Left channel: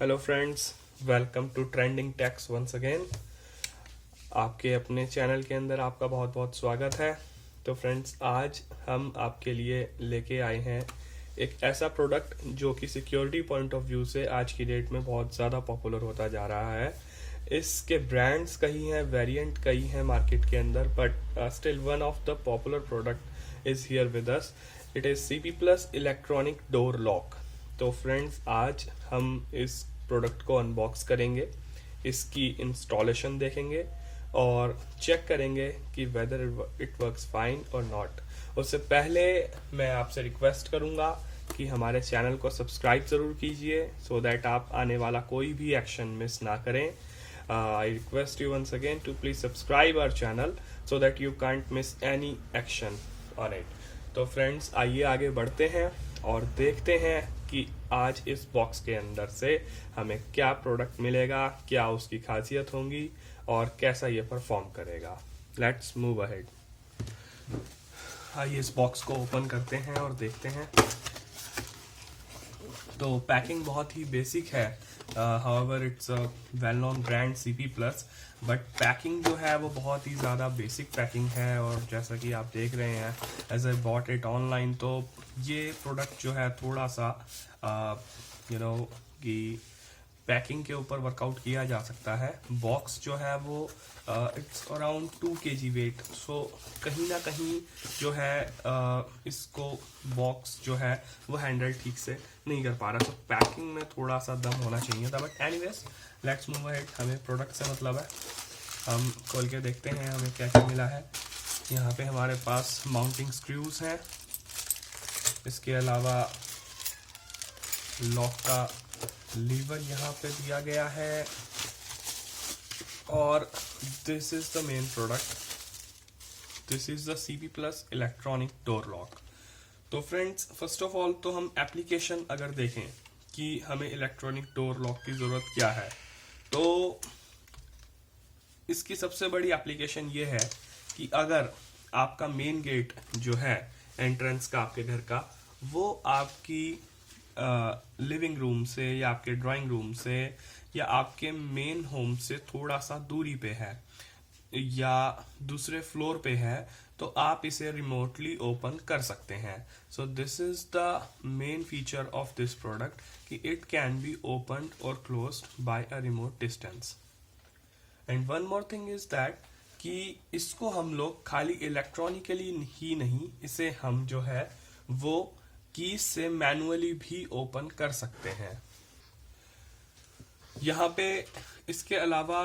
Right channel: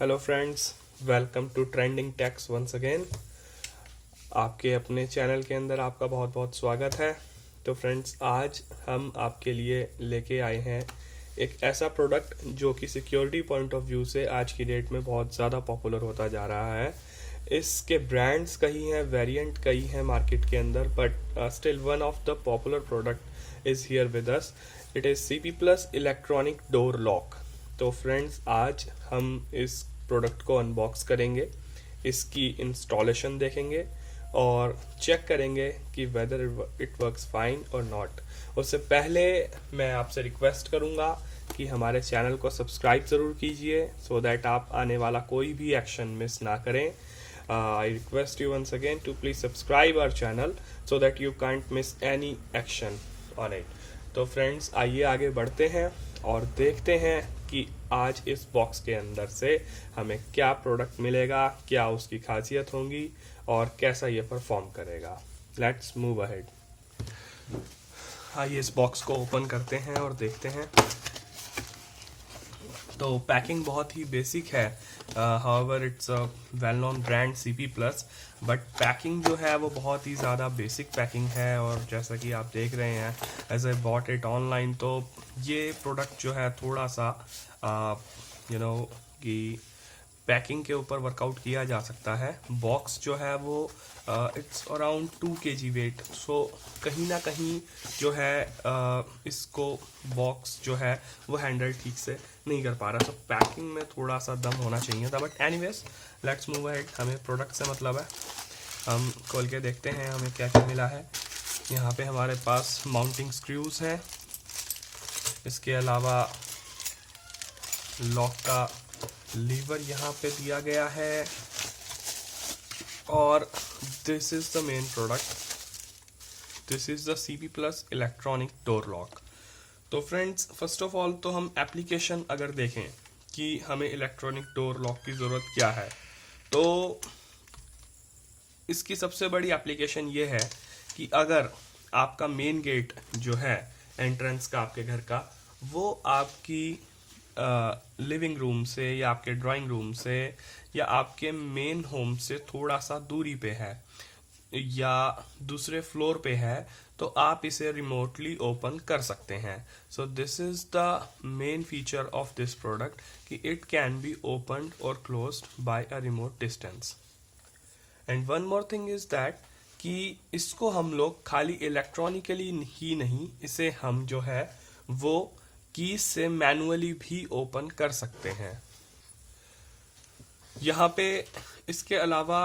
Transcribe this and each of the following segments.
Hello friends, welcome to Trending Techs once again. आपके अपने channel के अंदर आपका बहुत बहुत स्वागत है। तो फ्रेंड्स, आज हम आपके लिए लेके आए हैं एक ऐसा प्रोडक्ट जो कि सिक्योरिटी पॉइंट ऑफ व्यू से आज की डेट में बहुत ज़्यादा पॉपुलर होता जा रहा है। इसके ब्रांड्स कई हैं, वेरिएंट कई हैं मार्केट के अंदर, but still one of the popular product is here with us. It is CP Plus electronic door lock. तो फ्रेंड्स, आज हम इस प्रोडक्ट को अनबॉक्स करेंगे, इसकी इंस्टॉलेशन देखेंगे और चेक करेंगे कि वेदर इट वर्क्स फाइन और नॉट। उससे पहले मैं आपसे रिक्वेस्ट करूंगा कि हमारे चैनल को सब्सक्राइब ज़रूर कीजिए सो दैट आप आने वाला कोई भी एक्शन मिस ना करें। I request you once again to please subscribe our channel so that you can't miss any action on it. तो फ्रेंड्स, आइए आगे बढ़ते हैं और देखते हैं कि आज इस बॉक्स के अंदर से हमें क्या प्रोडक्ट मिलेगा, क्या उसकी खासियत होंगी और कैसा ये परफॉर्म करेगा। Let's move ahead. आइए इस बॉक्स को ओपन करते हैं और देखते हैं। तो पैकिंग बहुत ही बेसिक है। However it's a well known brand CP Plus, but packing जो है वो बहुत ही ज़्यादा बेसिक पैकिंग है। और जैसा कि आप देख रहे हैं, as I bought it online, तो ये प्रोडक्ट जो है थोड़ा सा कि पैकिंग के ऊपर वर्कआउट किया जा सकता है। बॉक्स जो है वो इट्स अराउंड 2 kg वेट, सो कहीं ना कहीं जो है इसको बॉक्स जो है वो हैंडल ठीक से नहीं कर पा रहा। तो पैकिंग में थोड़ा सा दम होना चाहिए था, but anyways let's move ahead. हमें प्रोडक्ट से मतलब है, हम खोल के देखते हैं हमें क्या क्या मिला है। यहाँ पे हमारे पास माउंटिंग स्क्रूज हैं, इसके अलावा लॉक का लीवर यहाँ पे दिया गया है, और this is the main product. This is the CP Plus electronic door lock. तो फ्रेंड्स, फर्स्ट ऑफ ऑल तो हम एप्लीकेशन अगर देखें कि हमें इलेक्ट्रॉनिक डोर लॉक की ज़रूरत क्या है, तो इसकी सबसे बड़ी एप्लीकेशन ये है कि अगर आपका मेन गेट जो है एंट्रेंस का आपके घर का, वो आपकी लिविंग रूम से या आपके ड्राइंग रूम से या आपके मेन होम से थोड़ा सा दूरी पे है या दूसरे फ्लोर पे है, तो आप इसे रिमोटली ओपन कर सकते हैं। So this is the main feature of this product कि इट कैन बी ओपन्ड और closed by a remote distance. And one more thing is that कि इसको हम लोग खाली इलेक्ट्रॉनिकली ही नहीं, इसे हम जो है वो कीज से मैनुअली भी ओपन कर सकते हैं। यहाँ पे इसके अलावा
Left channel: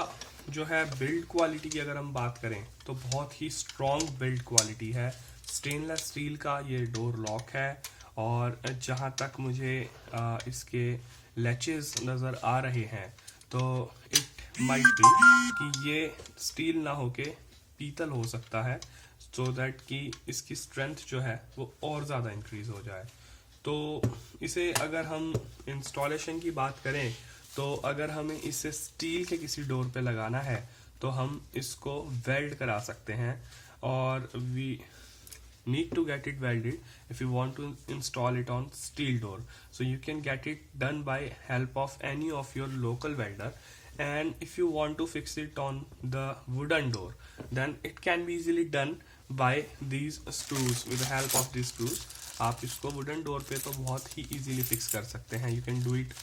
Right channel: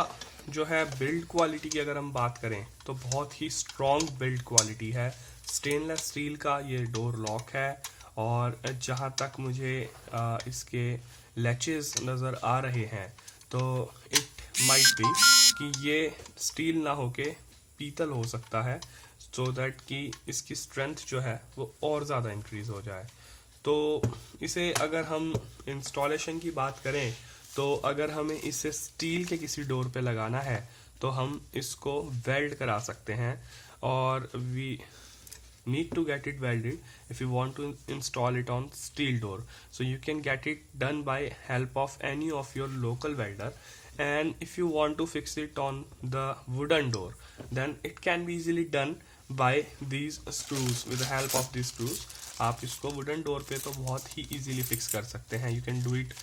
जो है बिल्ड क्वालिटी की अगर हम बात करें तो बहुत ही स्ट्रॉन्ग बिल्ड क्वालिटी है। स्टेनलेस स्टील का ये डोर लॉक है, और जहाँ तक मुझे इसके लैचेस नज़र आ रहे हैं तो इट माइट बी कि ये स्टील ना होके पीतल हो सकता है, सो दैट कि इसकी स्ट्रेंथ जो है वो और ज़्यादा इंक्रीज हो जाए। तो इसे अगर हम इंस्टॉलेशन की बात करें, तो अगर हमें इसे स्टील के किसी डोर पे लगाना है तो हम इसको वेल्ड करा सकते हैं, और we need to get it welded if you want to install it on steel door. So you can get it done by help of any of your local welder, and if you want to fix it on the wooden door, then it can be easily done by these screws. With the help of these screws आप इसको wooden door पे तो बहुत ही easily fix कर सकते हैं। You can do it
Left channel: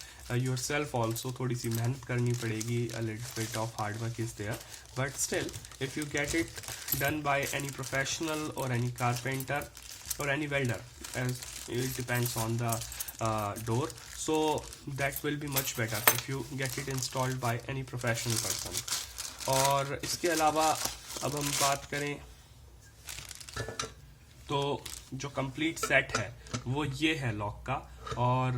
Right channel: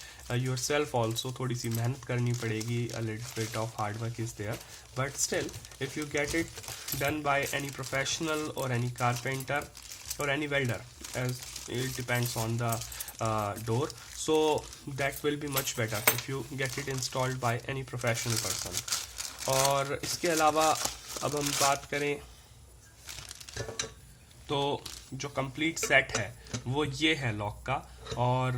yourself also. थोड़ी सी मेहनत करनी पड़ेगी, a little bit of hard work is there, but still if you get it done by any professional or any carpenter or any welder, as it depends on the door, so that will be much better if you get it installed by any professional person. और इसके अलावा अब हम बात करें तो जो complete set है वो ये है लॉक का, और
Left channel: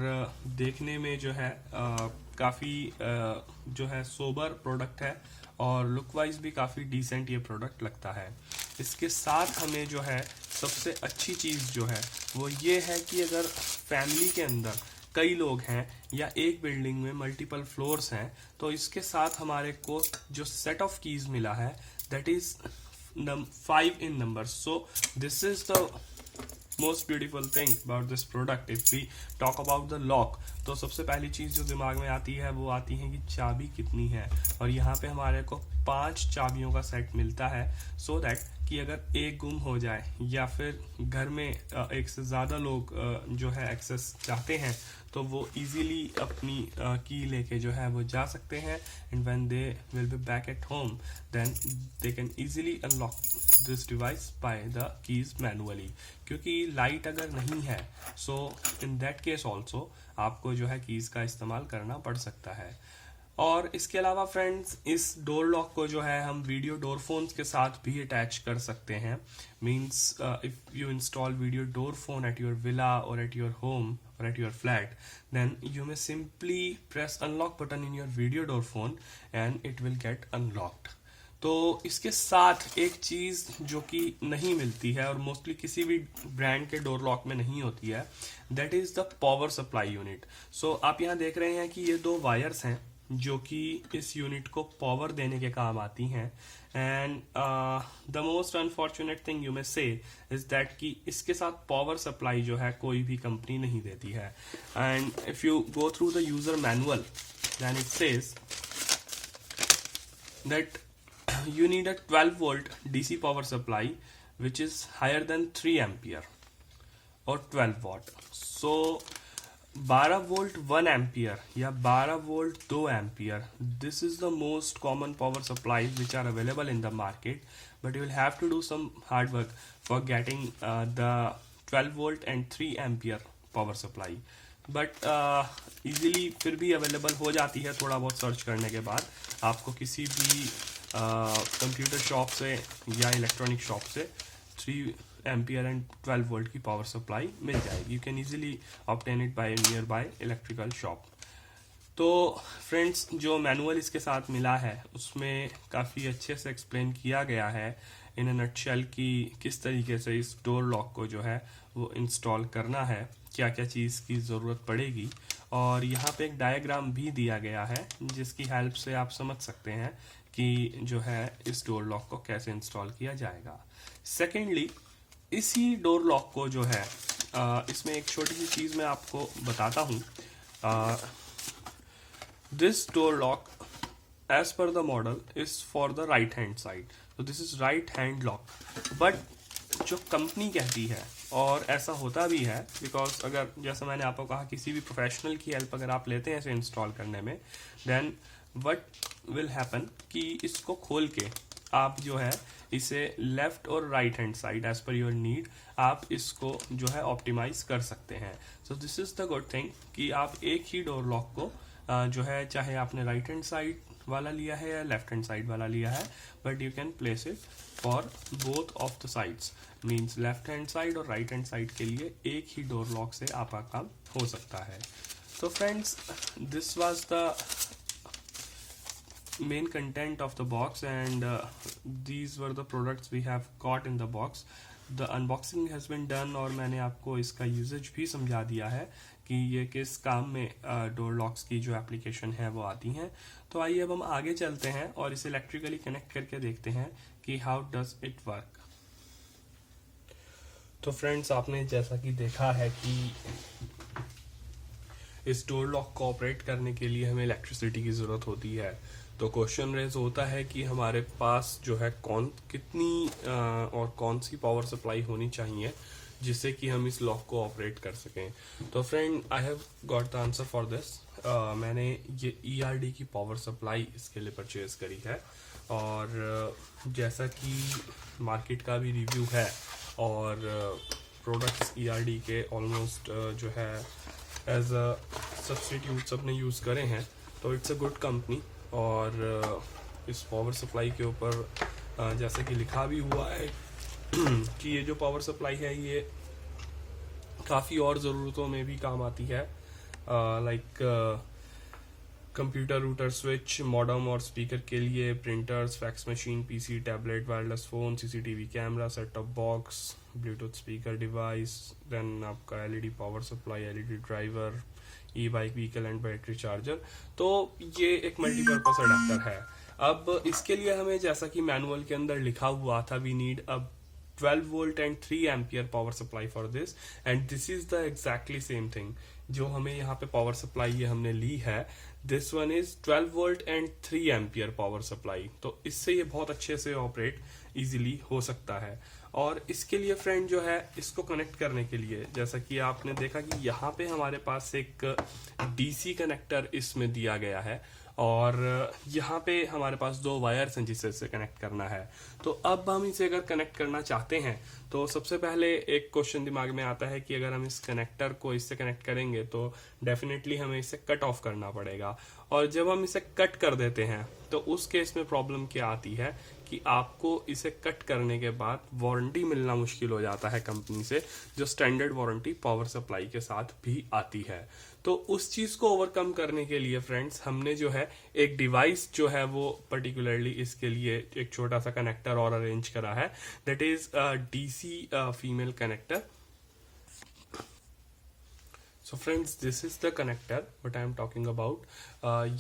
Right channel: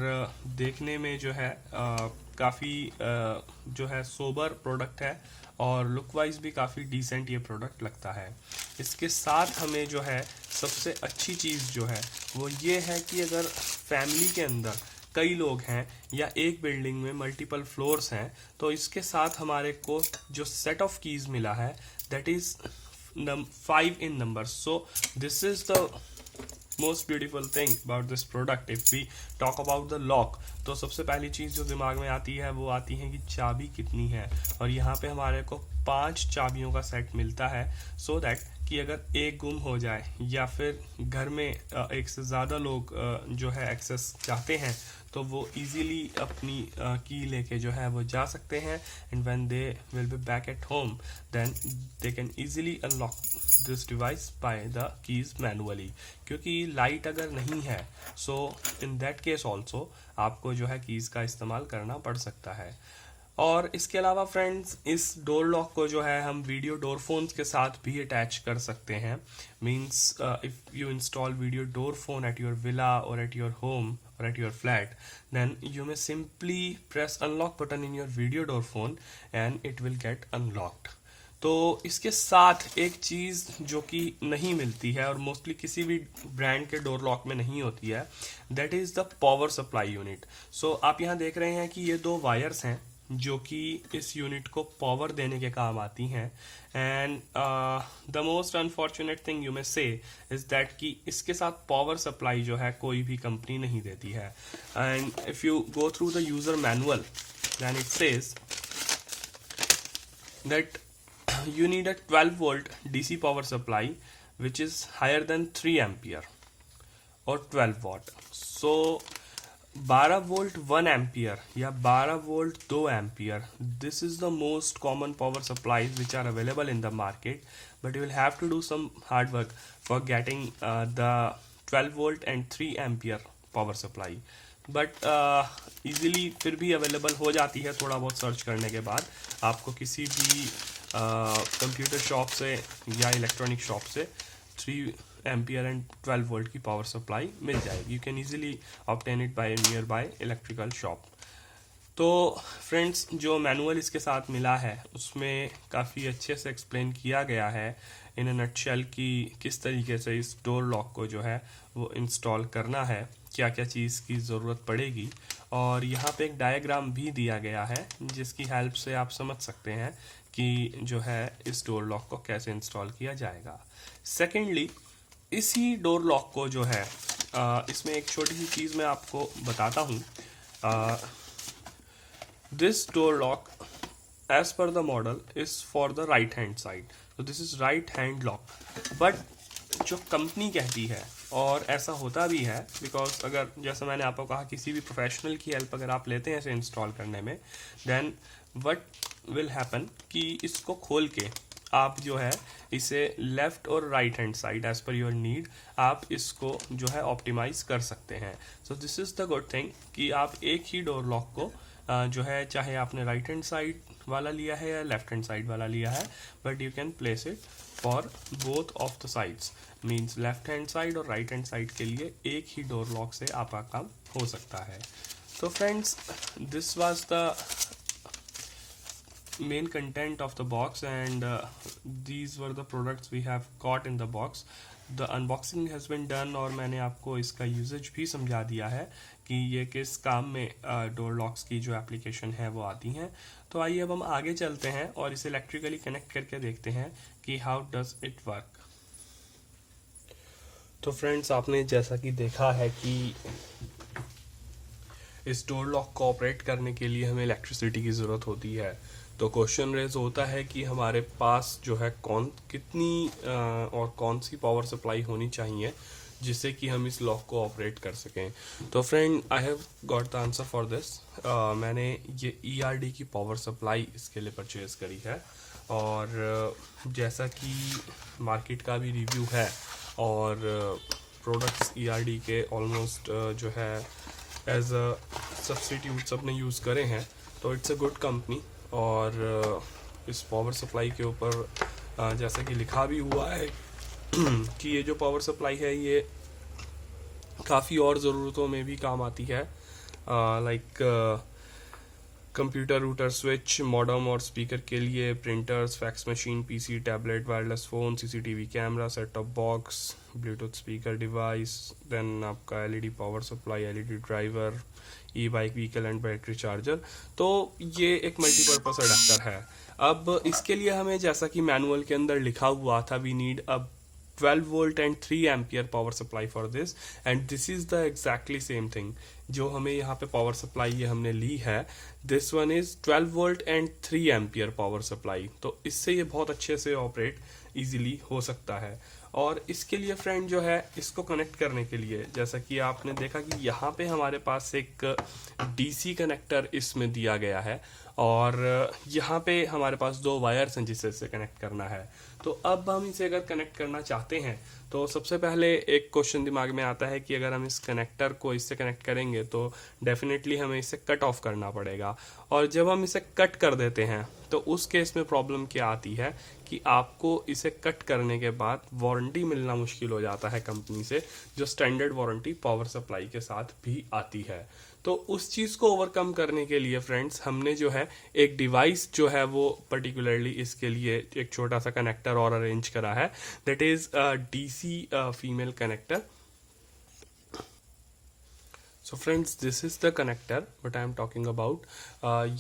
देखने में जो है काफ़ी जो है सोबर प्रोडक्ट है, और लुक वाइज भी काफ़ी डिसेंट ये प्रोडक्ट लगता है। इसके साथ हमें जो है सबसे अच्छी चीज़ जो है वो ये है कि अगर फैमिली के अंदर कई लोग हैं या एक बिल्डिंग में मल्टीपल फ्लोर्स हैं, तो इसके साथ हमारे को जो सेट ऑफ कीज मिला है that is 5 in number. So this is the most beautiful thing about this product, if we talk about the lock, तो सबसे पहली चीज जो दिमाग में आती है वो आती है कि चाबी कितनी है। और यहाँ पे हमारे को 5 चाबियों का सेट मिलता है, सो दैट कि अगर एक गुम हो जाए या फिर घर में एक से ज़्यादा लोग जो है एक्सेस चाहते हैं तो वो इजीली अपनी की लेके जो है वो जा सकते हैं। And when they will be back at home then they can easily unlock this device by the keys manually, क्योंकि लाइट अगर नहीं है so in that case also आपको जो है कीज का इस्तेमाल करना पड़ सकता है। और इसके अलावा फ्रेंड्स, इस डोर लॉक को जो है हम वीडियो डोर फोन्स के साथ भी अटैच कर सकते हैं। Means if you install video door phone at your villa और एट योर होम और at your flat, then you may simply press unlock button in your video door phone and it will get unlocked. तो इसके साथ एक चीज जो कि नहीं मिलती है और मोस्टली किसी भी ब्रांड के डोर लॉक में नहीं होती है, that is the power supply unit. So आप यहाँ देख रहे हैं कि ये 2 वायर्स हैं जो कि इस यूनिट को पावर देने के काम आती हैं। And the most unfortunate thing you may से इज दैट कि इसके साथ पावर सप्लाई जो है कोई भी कंपनी नहीं देती है। And if you go through the user manual then it says that you need a 12 volt DC power supply which is higher than 3 ampere or 12 watt. So 12 volt 1 ampere या 12 volt 2 ampere, this is the most common power supplies which are available in the market, but you will have to do some hard work for getting the 12 volt and 3 ampere power supply. But easily फिर भी available हो जाती है थोड़ा बहुत search करने के बाद। आपको किसी भी कंप्यूटर शॉप से या इलेक्ट्रॉनिक शॉप से 3 एम्पियर एंड 12 वोल्ट की पावर सप्लाई मिल जाएगी। You can easily obtain it by near by electrical shop. तो फ्रेंड्स, जो मैनुअल इसके साथ मिला है उसमें काफ़ी अच्छे से एक्सप्लेन किया गया है इन अ नटशेल कि किस तरीके से इस डोर लॉक को जो है वो इंस्टॉल करना है, क्या क्या चीज़ की ज़रूरत पड़ेगी। और यहाँ पे एक डायग्राम भी दिया गया है जिसकी हेल्प से आप समझ सकते हैं कि जो है इस डोर लॉक को कैसे इंस्टॉल किया जाएगा। सेकेंडली, इसी डोर लॉक को जो है इसमें एक छोटी सी चीज़ मैं आपको बताता हूँ। This door lock as per the model is for the right hand side, तो this is right hand lock. But जो कंपनी कहती है, और ऐसा होता भी है, बिकॉज अगर जैसा मैंने आपको कहा किसी भी प्रोफेशनल की हेल्प अगर आप लेते हैं इसे इंस्टॉल करने में, देन व्हाट विल हैपन कि इसको खोल के आप जो है इसे लेफ्ट और right hand side as per your need आप इसको जो है ऑप्टिमाइज कर सकते हैं। So this is the good thing कि आप एक ही डोर लॉक को जो है चाहे आपने राइट हैंड साइड वाला लिया है या लेफ्ट हैंड साइड वाला लिया है, but you can place it for both of the sides. Means left hand side और राइट हैंड साइड के लिए एक ही डोर लॉक से आपका काम हो सकता है। तो friends, this was the main content of the box, and these were the products we have got in the box. The unboxing has been done और मैंने आपको इसका यूजेज भी समझा दिया है कि ये किस काम में डोर लॉक्स की जो एप्लीकेशन है वो आती हैं। तो आइए अब हम आगे चलते हैं और इसे इलेक्ट्रिकली कनेक्ट करके देखते हैं कि हाउ डज इट वर्क। तो फ्रेंड्स, आपने जैसा कि देखा है कि इस डोर लॉक को ऑपरेट करने के लिए हमें इलेक्ट्रिसिटी की ज़रूरत होती है। तो क्वेश्चन रेज होता है कि हमारे पास जो है कितनी और कौन सी पावर सप्लाई होनी चाहिए जिससे कि हम इस लॉक को ऑपरेट कर सकें। तो friend, I have got the answer for this. मैंने ये ERD की पावर सप्लाई इसके लिए परचेज करी है, और जैसा कि मार्केट का भी रिव्यू है और प्रोडक्ट्स ERD के ऑलमोस्ट जो है एज अ सब्स्टिट्यूट सबने यूज़ करे हैं, तो इट्स अ गुड कंपनी। और इस पावर सप्लाई के ऊपर जैसा कि लिखा भी हुआ है कि ये जो पावर सप्लाई है ये काफ़ी और ज़रूरतों में भी काम आती है, like computer router switch, modem और स्पीकर के लिए, printers, fax machine, PC, tablet, wireless phone, CCTV camera, set top box, Bluetooth speaker device, then आपका LED power supply, LED driver, e bike vehicle and battery charger. तो ये एक multipurpose adapter है। अब इसके लिए हमें, जैसा कि मैनुअल के अंदर लिखा हुआ था, we need a 12 volt and 3 ampere power supply for this, and this is the exactly same thing जो हमें यहाँ पे पावर सप्लाई ये हमने ली है. This one is 12 volt and 3 ampere power supply. तो इससे ये बहुत अच्छे से ऑपरेट इजीली हो सकता है. और इसके लिए फ्रेंड जो है, इसको कनेक्ट करने के लिए जैसा कि आपने देखा कि यहाँ पे हमारे पास एक डीसी कनेक्टर इसमें दिया गया है, और यहाँ पे हमारे पास 2 वायर्स हैं जिससे इसे कनेक्ट करना है. तो अब हम इसे अगर कनेक्ट करना चाहते हैं तो सबसे पहले एक क्वेश्चन दिमाग में आता है कि अगर हम इस कनेक्टर को इससे कनेक्ट करेंगे तो डेफिनेटली हमें इसे कट ऑफ करना पड़ेगा. और जब हम इसे कट कर देते हैं तो उस केस में प्रॉब्लम क्या आती है कि आपको इसे कट करने के बाद वारंटी मिलना मुश्किल हो जाता है कंपनी से, जो स्टैंडर्ड वारंटी पावर सप्लाई के साथ भी आती है. तो उस चीज को ओवरकम करने के लिए फ्रेंड्स हमने जो है एक डिवाइस जो है वो पर्टिकुलरली इसके लिए एक छोटा सा कनेक्टर और अरेंज करा है, that is DC female connector. So friends, this is the connector but I am talking about.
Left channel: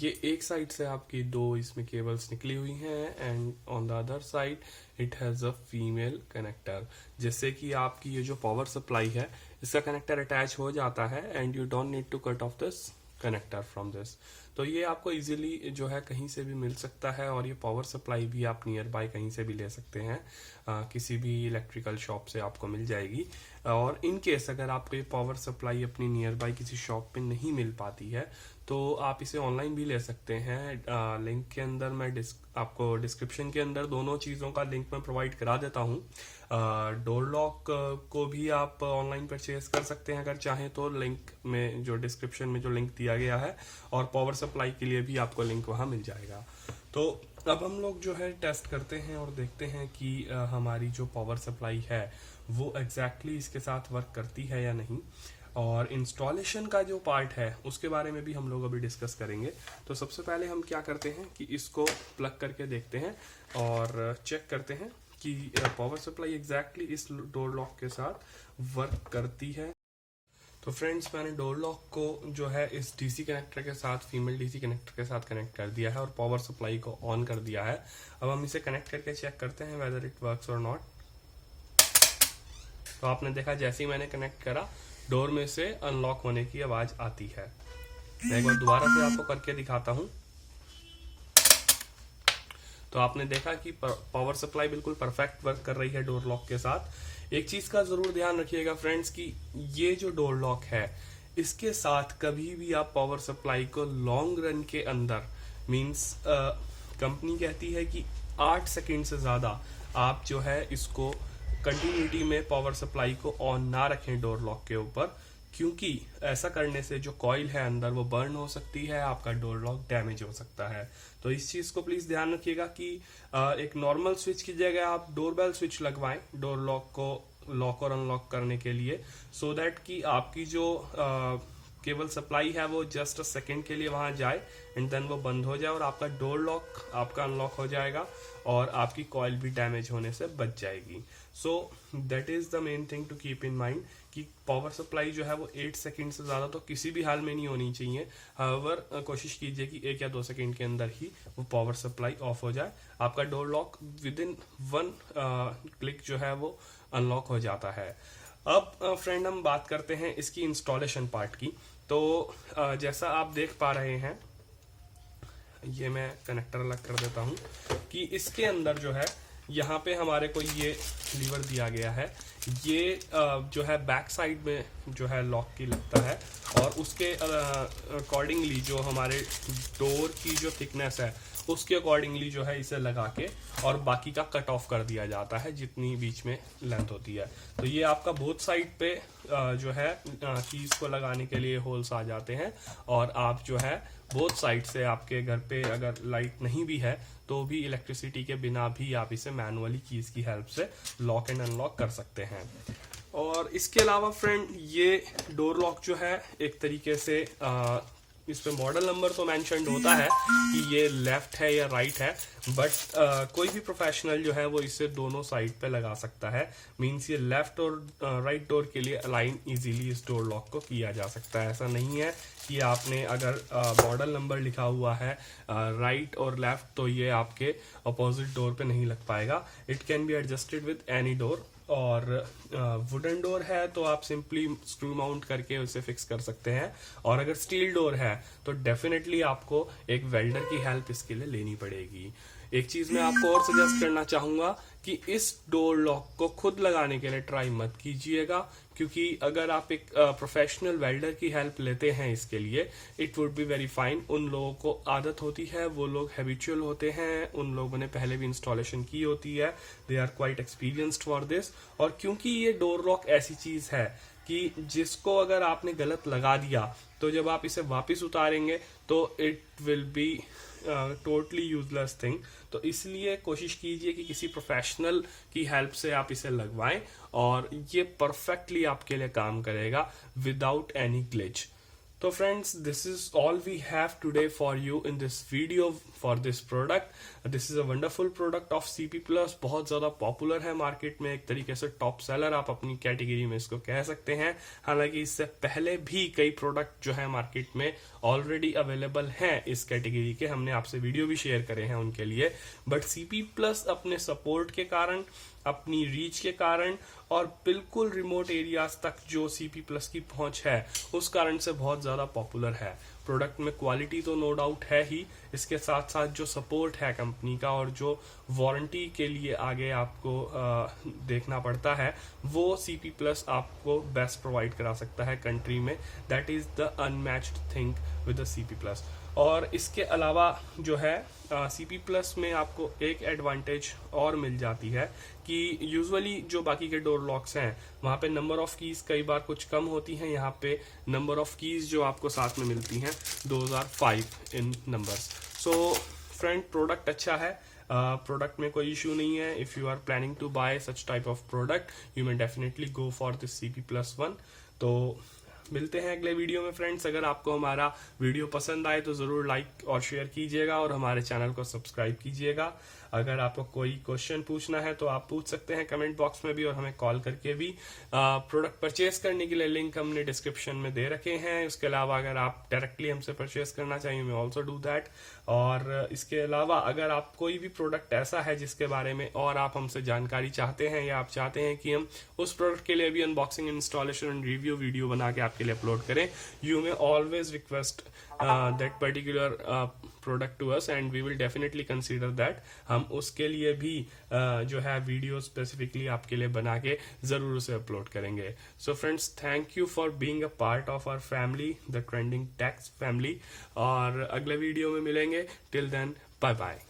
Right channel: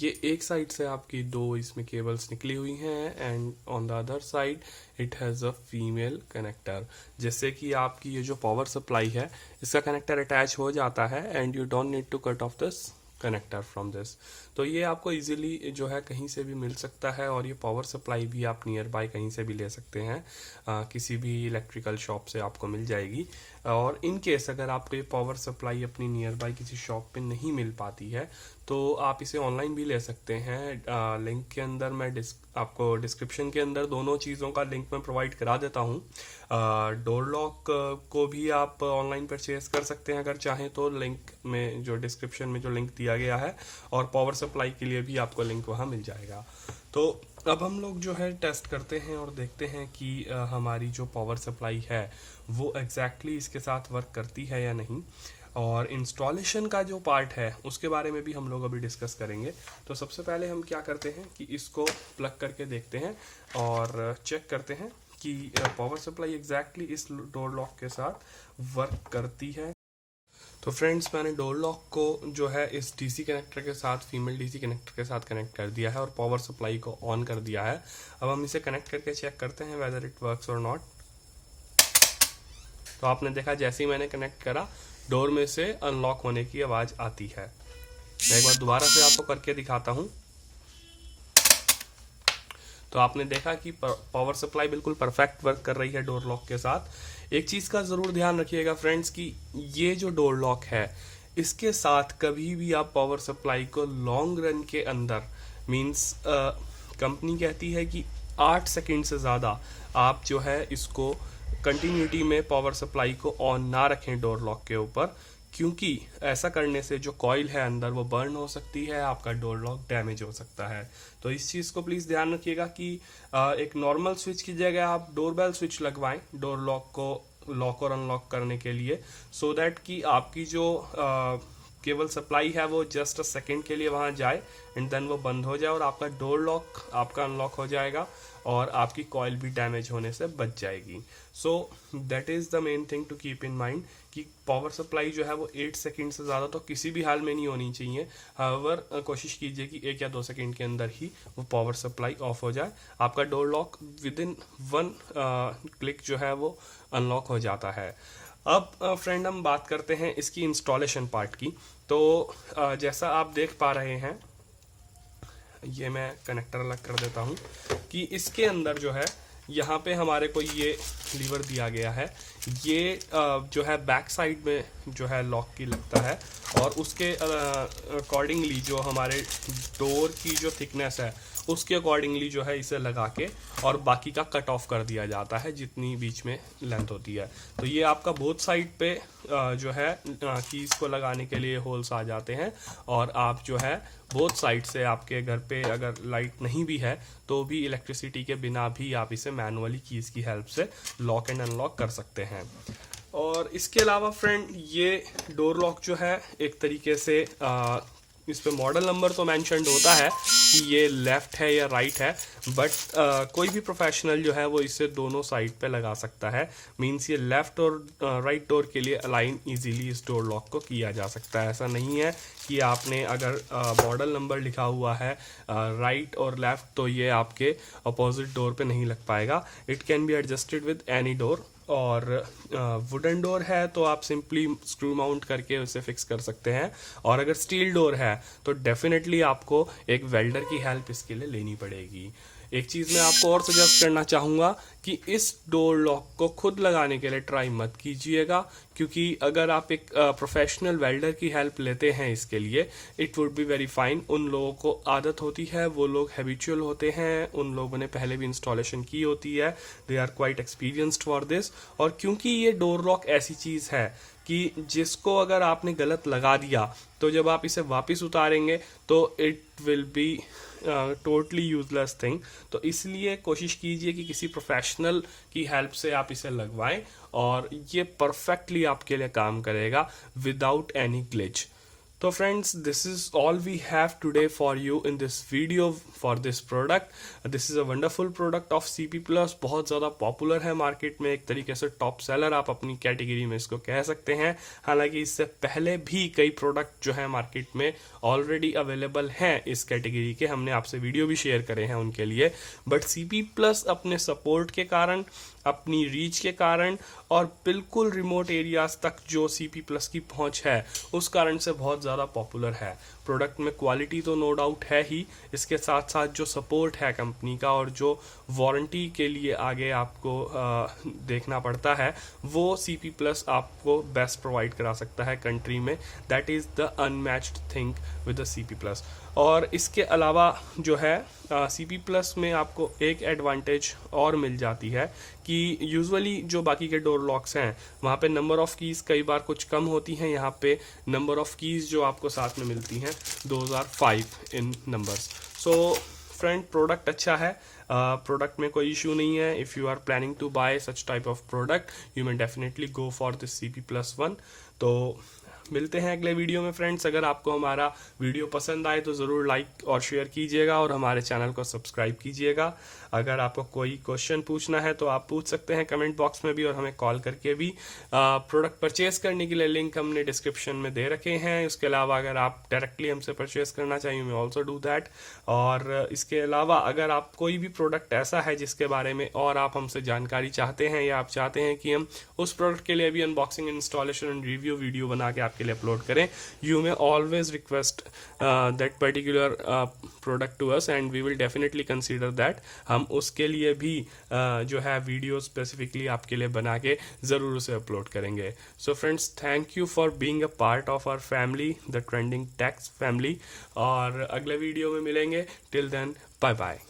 ये एक साइड से आपकी 2 इसमें केबल्स निकली हुई हैं, and on the other side it has a female connector, जिससे कि आपकी ये जो पावर सप्लाई है इसका कनेक्टर अटैच हो जाता है, and you don't need to cut off this connector from this. तो ये आपको इजीली जो है कहीं से भी मिल सकता है, और ये पावर सप्लाई भी आप नियर बाय कहीं से भी ले सकते हैं. किसी भी इलेक्ट्रिकल शॉप से आपको मिल जाएगी. और इन केस अगर आपको ये पावर सप्लाई अपनी नियर बाय किसी शॉप पे नहीं मिल पाती है तो आप इसे ऑनलाइन भी ले सकते हैं. लिंक के अंदर मैं आपको डिस्क्रिप्शन के अंदर दोनों चीज़ों का लिंक मैं प्रोवाइड करा देता हूँ. डोर लॉक को भी आप ऑनलाइन परचेज कर सकते हैं अगर चाहें तो, लिंक में जो डिस्क्रिप्शन में जो लिंक दिया गया है, और पावर सप्लाई के लिए भी आपको लिंक वहाँ मिल जाएगा. तो अब हम लोग जो है टेस्ट करते हैं और देखते हैं कि हमारी जो पावर सप्लाई है वो एग्जैक्टली इसके साथ वर्क करती है या नहीं. और इंस्टॉलेशन का जो पार्ट है उसके बारे में भी हम लोग अभी डिस्कस करेंगे. तो सबसे पहले हम क्या करते हैं कि इसको प्लग करके देखते हैं और चेक करते हैं कि पावर सप्लाई एग्जैक्टली इस डोर लॉक के साथ वर्क करती है. तो फ्रेंड्स, मैंने डोर लॉक को जो है इस डीसी कनेक्टर के साथ, फीमेल डीसी कनेक्टर के साथ कनेक्ट कर दिया है और पावर सप्लाई को ऑन कर दिया है. अब हम इसे कनेक्ट करके चेक करते हैं वेदर इट वर्क्स और नॉट. तो आपने देखा जैसे ही मैंने कनेक्ट करा डोर में से अनलॉक होने की आवाज आती है. मैं एक बार दोबारा से आपको करके दिखाता हूं. तो आपने देखा कि पावर सप्लाई बिल्कुल परफेक्ट वर्क कर रही है डोर लॉक के साथ. एक चीज का जरूर ध्यान रखिएगा फ्रेंड्स कि ये जो डोर लॉक है इसके साथ कभी भी आप पावर सप्लाई को लॉन्ग रन के अंदर, मींस कंपनी कहती है कि 8 सेकंड से ज्यादा आप जो है इसको कंटिन्यूटी में पावर सप्लाई को ऑन ना रखें डोर लॉक के ऊपर, क्योंकि ऐसा करने से जो कॉइल है अंदर वो बर्न हो सकती है, आपका डोर लॉक डैमेज हो सकता है. तो इस चीज को प्लीज ध्यान रखिएगा कि एक नॉर्मल स्विच की जगह आप डोरबेल स्विच लगवाएं डोर लॉक को लॉक और अनलॉक करने के लिए, सो दैट कि आपकी जो केबल सप्लाई है वो जस्ट अ सेकेंड के लिए वहां जाए एंड देन वो बंद हो जाए और आपका डोर लॉक आपका अनलॉक हो जाएगा और आपकी कॉइल भी डैमेज होने से बच जाएगी. So that is the main thing to keep in mind कि पावर सप्लाई जो है वो 8 सेकंड से ज़्यादा तो किसी भी हाल में नहीं होनी चाहिए. हाउएवर कोशिश कीजिए कि 1 या 2 सेकंड के अंदर ही वो पावर सप्लाई ऑफ हो जाए. आपका door lock with in 1 click जो है वो अनलॉक हो जाता है. अब फ्रेंड हम बात करते हैं इसकी इंस्टॉलेशन पार्ट की. तो जैसा आप देख पा रहे हैं, ये मैं कनेक्टर अलग कर देता हूं कि इसके अंदर जो है यहाँ पे हमारे को ये लीवर दिया गया है. ये जो है बैक साइड में जो है लॉक की लगता है और उसके अकॉर्डिंगली जो हमारे डोर की जो थिकनेस है उसके अकॉर्डिंगली जो है इसे लगा के और बाकी का कट ऑफ कर दिया जाता है जितनी बीच में लेंथ होती है. तो ये आपका बोथ साइड पे जो है कीज को लगाने के लिए होल्स आ जाते हैं और आप जो है बोथ साइड से आपके घर पे अगर लाइट नहीं भी है तो भी इलेक्ट्रिसिटी के बिना भी आप इसे मैनुअली कीज की हेल्प से लॉक एंड अनलॉक कर सकते हैं. और इसके अलावा फ्रेंड ये डोर लॉक जो है एक तरीके से इस पे मॉडल नंबर तो मेंशन्ड होता है कि ये लेफ्ट है या राइट है, बट कोई भी प्रोफेशनल जो है वो इसे दोनों साइड पे लगा सकता है. मींस ये लेफ्ट और राइट डोर के लिए अलाइन इजीली इस डोर लॉक को किया जा सकता है. ऐसा नहीं है कि आपने अगर मॉडल नंबर लिखा हुआ है राइट और लेफ्ट तो ये आपके अपोजिट डोर पे नहीं लग पाएगा. It can be adjusted with any door और वुडन डोर है तो आप सिंपली स्क्रू माउंट करके उसे फिक्स कर सकते हैं, और अगर स्टील डोर है तो डेफिनेटली आपको एक वेल्डर की हेल्प इसके लिए लेनी पड़ेगी। एक चीज मैं आपको और सजेस्ट करना चाहूंगा कि इस डोर लॉक को खुद लगाने के लिए ट्राई मत कीजिएगा, क्योंकि अगर आप एक प्रोफेशनल वेल्डर की हेल्प लेते हैं इसके लिए, it would be very fine. उन लोगों को आदत होती है, वो लोग हैबिचुअल होते हैं, उन लोगों ने पहले भी इंस्टॉलेशन की होती है, they are quite experienced for this. और क्योंकि ये डोर लॉक ऐसी चीज है कि जिसको अगर आपने गलत लगा दिया तो जब आप इसे वापस उतारेंगे तो it will be totally useless thing. तो इसलिए कोशिश कीजिए कि किसी प्रोफेशनल की हेल्प से आप इसे लगवाएं, और ये परफेक्टली आपके लिए काम करेगा विदाउट एनी ग्लिच। तो friends, this is all we have today for you in this video for this product. This is a wonderful product of CP plus, बहुत ज्यादा पॉपुलर है मार्केट में, एक तरीके से टॉप सेलर आप अपनी कैटेगरी में इसको कह सकते हैं। हालांकि इससे पहले भी कई प्रोडक्ट जो है मार्केट में ऑलरेडी अवेलेबल हैं इस कैटेगरी के, हमने आपसे वीडियो भी शेयर करे हैं उनके लिए, बट CP प्लस अपने सपोर्ट के कारण, अपनी रीच के कारण और बिल्कुल रिमोट एरियाज तक जो CP प्लस की पहुंच है उस कारण से बहुत ज़्यादा पॉपुलर है। प्रोडक्ट में क्वालिटी तो नो डाउट है ही, इसके साथ साथ जो सपोर्ट है कंपनी का और जो वारंटी के लिए आगे आपको देखना पड़ता है, वो CP प्लस आपको बेस्ट प्रोवाइड करा सकता है कंट्री में। That is the unmatched thing with the CP plus. और इसके अलावा जो है CP प्लस में आपको एक एडवांटेज और मिल जाती है कि यूजुअली जो बाकी के डोर लॉक्स हैं वहाँ पे नंबर ऑफ कीज कई बार कुछ कम होती हैं, यहाँ पे नंबर ऑफ कीज जो आपको साथ में मिलती हैं 2005 in numbers. So friend, product अच्छा है, प्रोडक्ट में कोई इशू नहीं है। If you are planning to buy such type of product you may definitely go for this CP plus 1। तो मिलते हैं अगले वीडियो में फ्रेंड्स। अगर आपको हमारा वीडियो पसंद आए तो ज़रूर लाइक और शेयर कीजिएगा और हमारे चैनल को सब्सक्राइब कीजिएगा। अगर आपको कोई क्वेश्चन पूछना है तो आप पूछ सकते हैं कमेंट बॉक्स में भी, और हमें कॉल करके भी। प्रोडक्ट परचेज करने के लिए लिंक हमने डिस्क्रिप्शन में दे रखे हैं। इसके अलावा अगर आप डायरेक्टली हमसे परचेज करना चाहिए मैं ऑल्सो डू दैट। और इसके अलावा अगर आप कोई भी प्रोडक्ट ऐसा है जिसके बारे में और आप हमसे जानकारी चाहते हैं, या आप चाहते हैं कि हम उस प्रोडक्ट के लिए भी unboxing, installation and review video बना के आपके लिए अपलोड करें, you may always request that particular product to us and we will definitely consider that. हम उसके लिए भी जो है वीडियो स्पेसिफिकली आपके लिए बना के जरूर उसे अपलोड करेंगे। So friends, thank you for being a part of our family, the Trending Techs family, और अगले वीडियो में मिलेंगे। Till then, bye bye.